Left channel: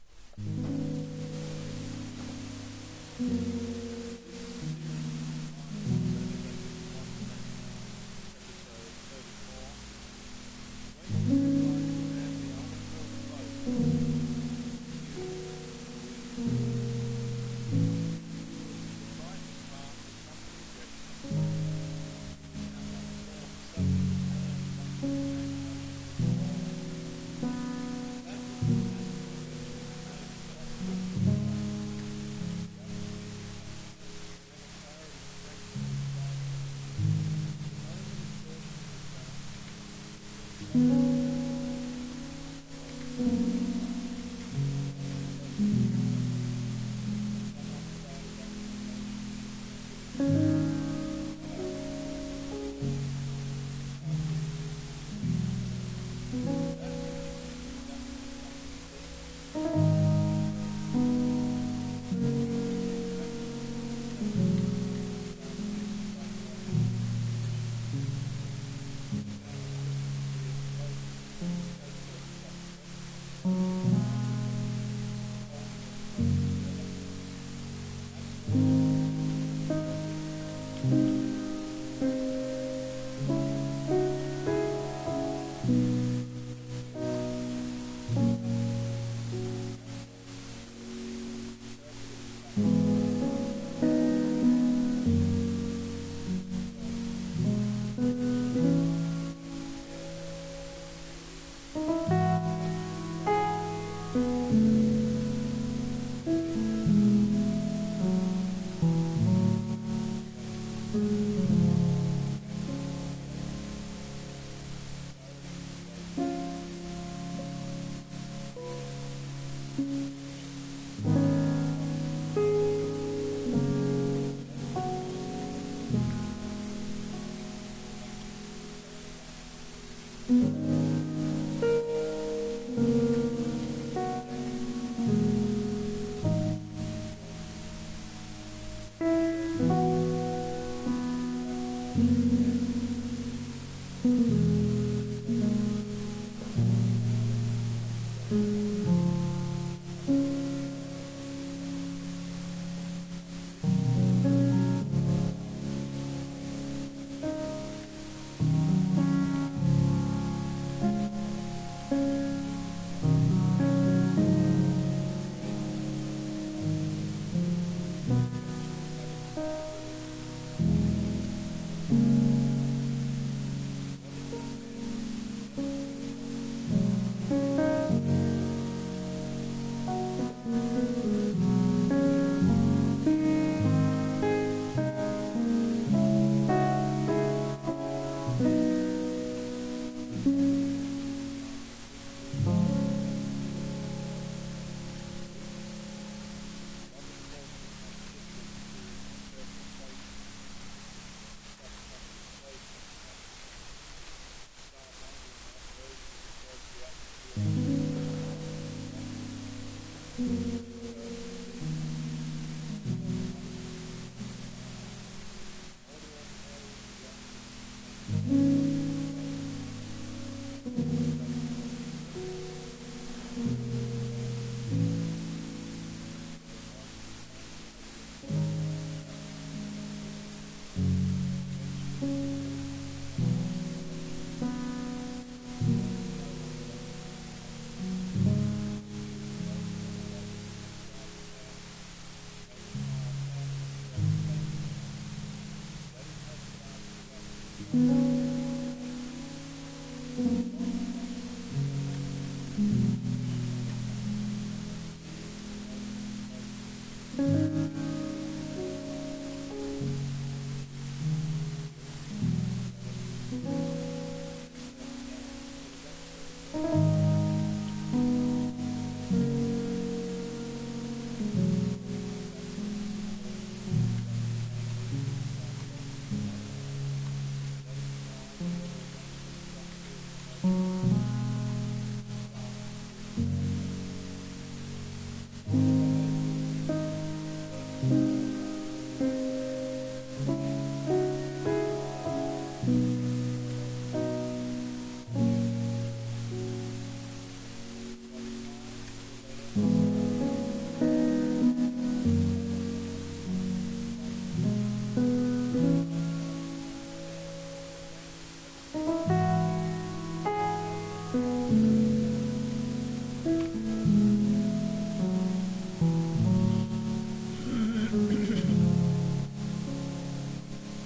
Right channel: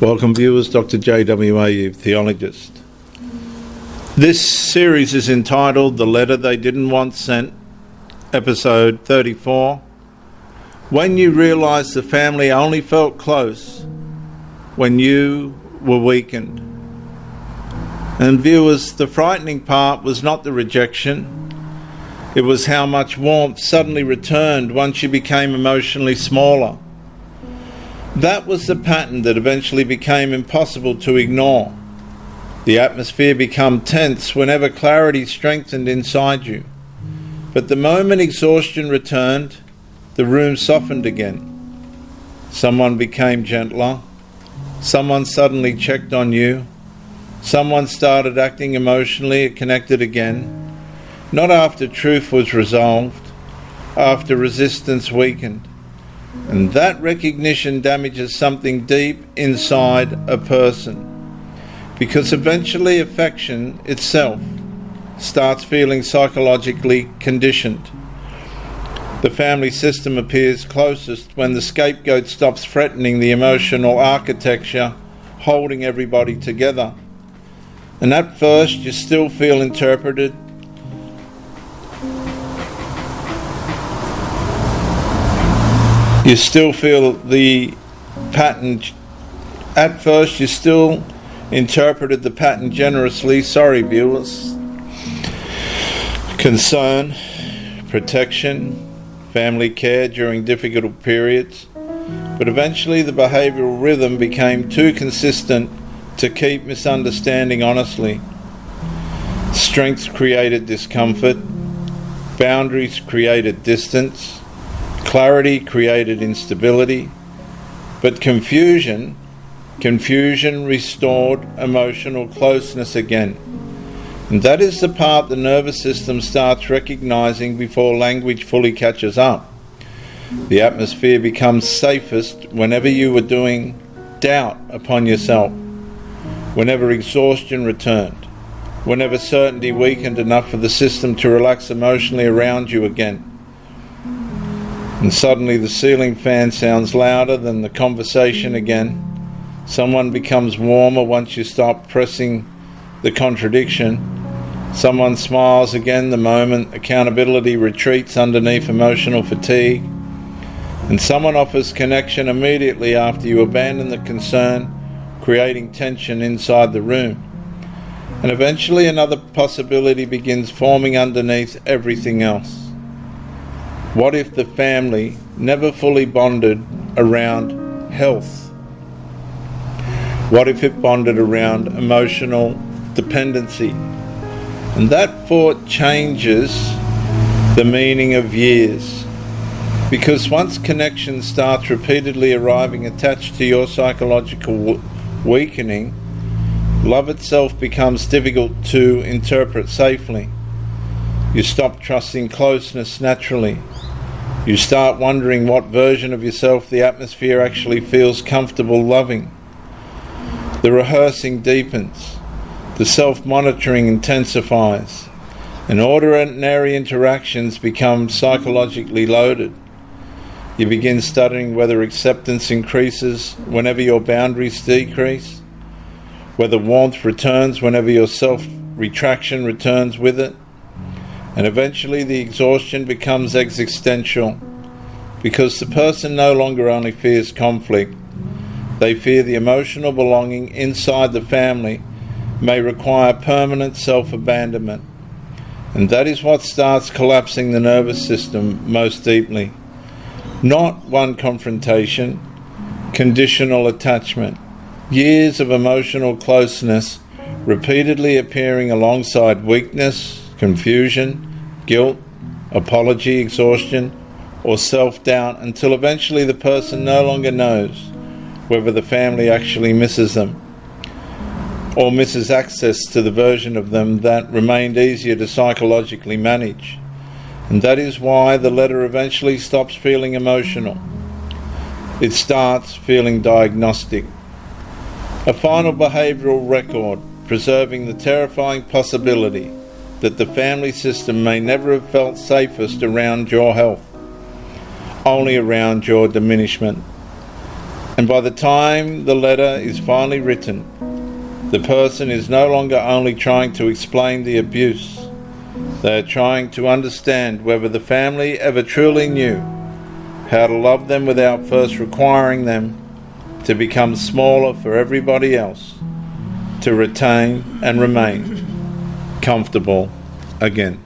Welcome viewers, Dr. JWA, theologist. This series is entitled The Letter They Didn't Want Sent, episode 34. When you realised the family only felt close when you were weakened. And viewers, the frightening part was not the rejection, it was how much warmth suddenly returned once you became emotionally smaller. That was the pattern that eventually became impossible to ignore. The atmosphere became tense whenever clarity strengthened inside you. But the moment exhaustion returned, the room softened again. Someone became gentler. Someone suddenly checked on you. Someone started acting emotionally connected again. Not after truth was resolved, after resistance weakened. And that recognition damages something deep inside a person, because eventually affection itself starts feeling psychologically conditioned. The family system appears closest when the scapegoat stops threatening the emotional architecture holding everybody together. And at first you still feel interpreted. You still feel the pattern. At first you still interpreted the pattern generously. Sorry viewers. Concern, protection, family care during difficult periods. But eventually the behavioural rhythm became too consistent to keep misunderstanding honestly. Strength created discomfort. Boundaries created distance. Clarity created instability, but confusion restored emotional closeness again. And that is the part the nervous system starts recognizing before language fully catches up. The atmosphere becomes safest whenever you were doing doubt upon yourself, whenever exhaustion returned, whenever certainty weakened enough for the system to relax emotionally around you again. And suddenly the ceiling fan sounds louder than the conversation again. Someone becomes warmer once you stop pressing the contradiction. Someone smiles again the moment accountability retreats underneath emotional fatigue. And someone offers connection immediately after you abandon the concern, creating tension inside the room. And eventually another possibility begins forming underneath everything else. What if the family never fully bonded around health? What if it bonded around emotional dependency? And that thought changes the meaning of years. Because once connection starts repeatedly arriving attached to your psychological weakening, love itself becomes difficult to interpret safely. You stop trusting closeness naturally. You start wondering what version of yourself the atmosphere actually feels comfortable loving. The rehearsing deepens. The self-monitoring intensifies. And ordinary interactions become psychologically loaded. You begin studying whether acceptance increases whenever your boundaries decrease, whether warmth returns whenever your self-retraction returns with it. And eventually the exhaustion becomes existential, because the person no longer only fears conflict, they fear the emotional belonging inside the family may require permanent self-abandonment. And that is what starts collapsing the nervous system most deeply. Not one confrontation, conditional attachment. Years of emotional closeness repeatedly appearing alongside weakness, confusion, guilt, apology, exhaustion, or self-doubt, until eventually the person no longer knows whether the family actually misses them or misses access to the version of them that remained easier to psychologically manage. And that is why the letter eventually stops feeling emotional. It starts feeling diagnostic. A final behavioural record preserving the terrifying possibility that the family system may never have felt safest around your health, only around your diminishment. And by the time the letter is finally written, the person is no longer only trying to explain the abuse, they are trying to understand whether the family ever truly knew how to love them without first requiring them to become smaller for everybody else, to retain and remain comfortable again.